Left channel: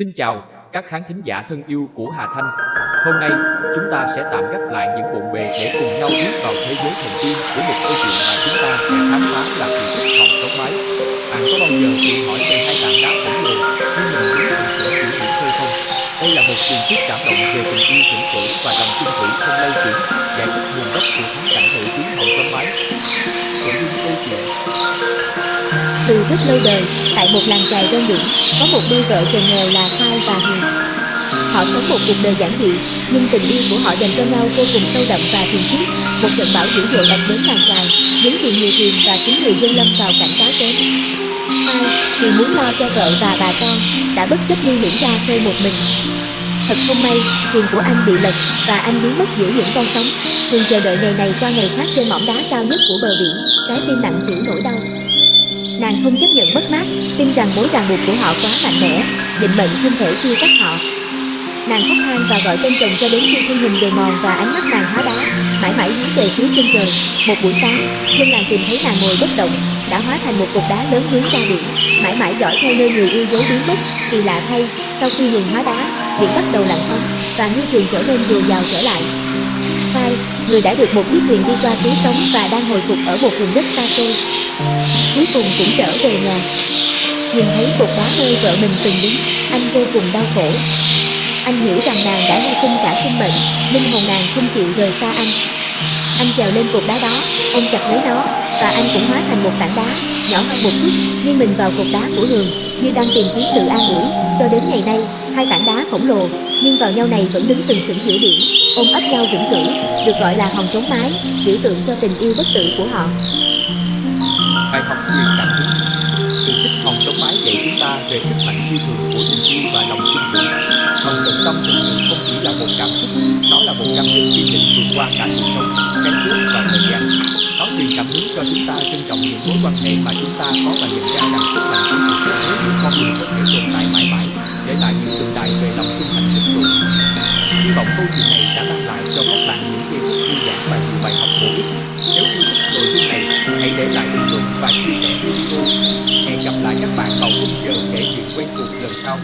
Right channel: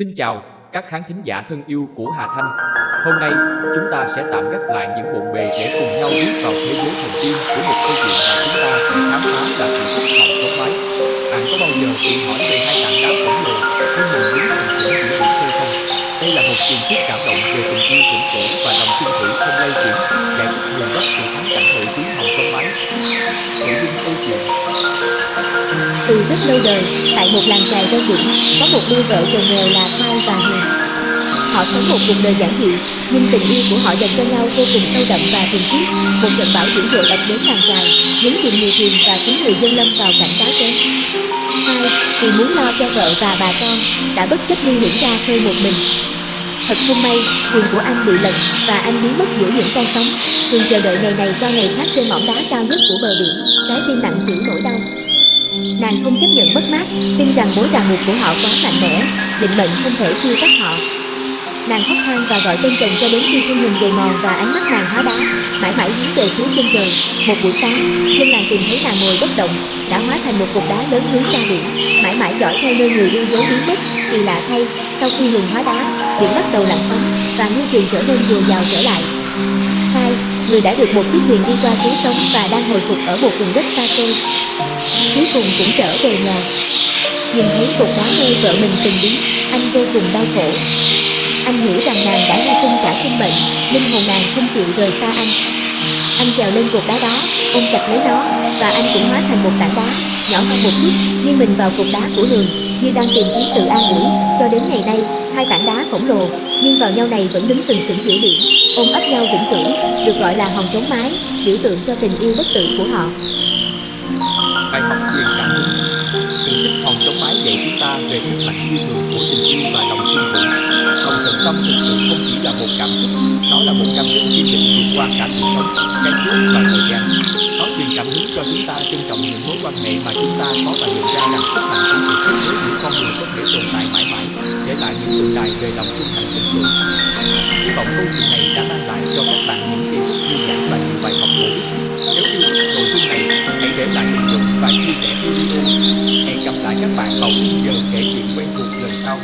Xin chào các khán thính giả thân yêu của Hà Thanh. Hôm nay chúng ta sẽ tạm gác lại những bộn bề để cùng nhau bước vào thế giới thần tiên của một câu chuyện mà chúng ta sẽ khám phá là sự tích hòn sống mái. Bạn có bao giờ tự hỏi về hai tảng đá khổng lồ như mình đứng sừng sững giữa biển khơi không? Đây là một truyền thuyết cảm động về tình yêu vĩnh cửu và lòng chung thủy không lay chuyển, giải thích nguồn gốc của thắng cảnh nổi tiếng hòn sống mái. Nội dung câu chuyện. Từ rất lâu đời, tại một làng chài ven biển, có một đôi vợ chồng nghèo là Khai và Huyền. Họ sống một cuộc đời giản dị, nhưng tình yêu của họ dành cho nhau vô cùng sâu đậm và thuần khiết. Một trận bão dữ dội ập đến làng chài, nhấn chìm nhiều thuyền và khiến người dân lâm vào cảnh đói kém. Khai, vì muốn lo cho vợ và bà con, đã bất chấp nguy hiểm ra khơi một mình. Thật không may, thuyền của anh bị lật và anh biến mất giữa những con sóng. Huyền chờ đợi ngày này qua ngày khác trên mỏm đá cao nhất của bờ biển, trái tim nặng trĩu nỗi đau. Nàng không chấp nhận mất mát, tin rằng mối ràng buộc của họ quá mạnh mẽ, định mệnh không thể chia cắt họ. Nàng khóc than và gọi tên chồng cho đến khi thân hình gầy mòn và ánh mắt nàng hóa đá, mãi mãi hướng về phía chân trời. Một buổi sáng, dân làng tìm thấy nàng ngồi bất động, đã hóa thành một cục đá lớn hướng ra biển, mãi mãi dõi theo nơi người yêu dấu biến mất. Kỳ lạ thay, sau khi ngừng hóa đá, biển bắt đầu lặng sóng và ngư trường trở nên dồi dào trở lại. Khai, người đã được một chiếc thuyền đi qua cứu sống và đang hồi phục ở một vùng đất xa xôi, cuối cùng cũng trở về nhà. Nhìn thấy cột đá nơi vợ mình từng đứng, anh vô cùng đau khổ. Anh hiểu rằng nàng đã hy sinh cả sinh mệnh, linh hồn nàng không chịu rời xa anh. Anh trèo lên cột đá đó, ôm chặt lấy nó, và anh cũng hóa thành một tảng đá, nhỏ hơn một chút, nghiêng mình vào cột đá của Hường, như đang tìm kiếm sự an ủi. Cho đến ngày nay, hai tảng đá khổng lồ, nghiêng vào nhau này vẫn đứng sừng sững giữa biển, ôm ấp nhau vĩnh cửu, được gọi là hòn chống mái, biểu tượng cho tình yêu bất tử của họ. Bài học truyền cảm hứng. Từ tích hòn sống mái dạy chúng ta về sức mạnh phi thường của tình yêu và lòng chung thủy. Lòng tận tâm thực sự không chỉ là một cảm xúc, nó là một cam kết kiên định vượt qua cả sự sống, cái chết và thời gian. Nó truyền cảm hứng cho chúng ta trân trọng những mối quan hệ mà chúng ta có và nhận ra rằng sức mạnh của sự kết nối giữa con người có thể tồn tại mãi mãi, để lại những tượng đài về lòng trung thành vĩnh cửu. Hy vọng câu chuyện này đã mang lại cho các bạn những giây phút thư giãn và nhiều bài học bổ ích. Nếu yêu thích nội dung này, hãy để lại bình luận và chia sẻ video. Hẹn gặp lại các bạn vào khung giờ kể chuyện quen thuộc lần sau.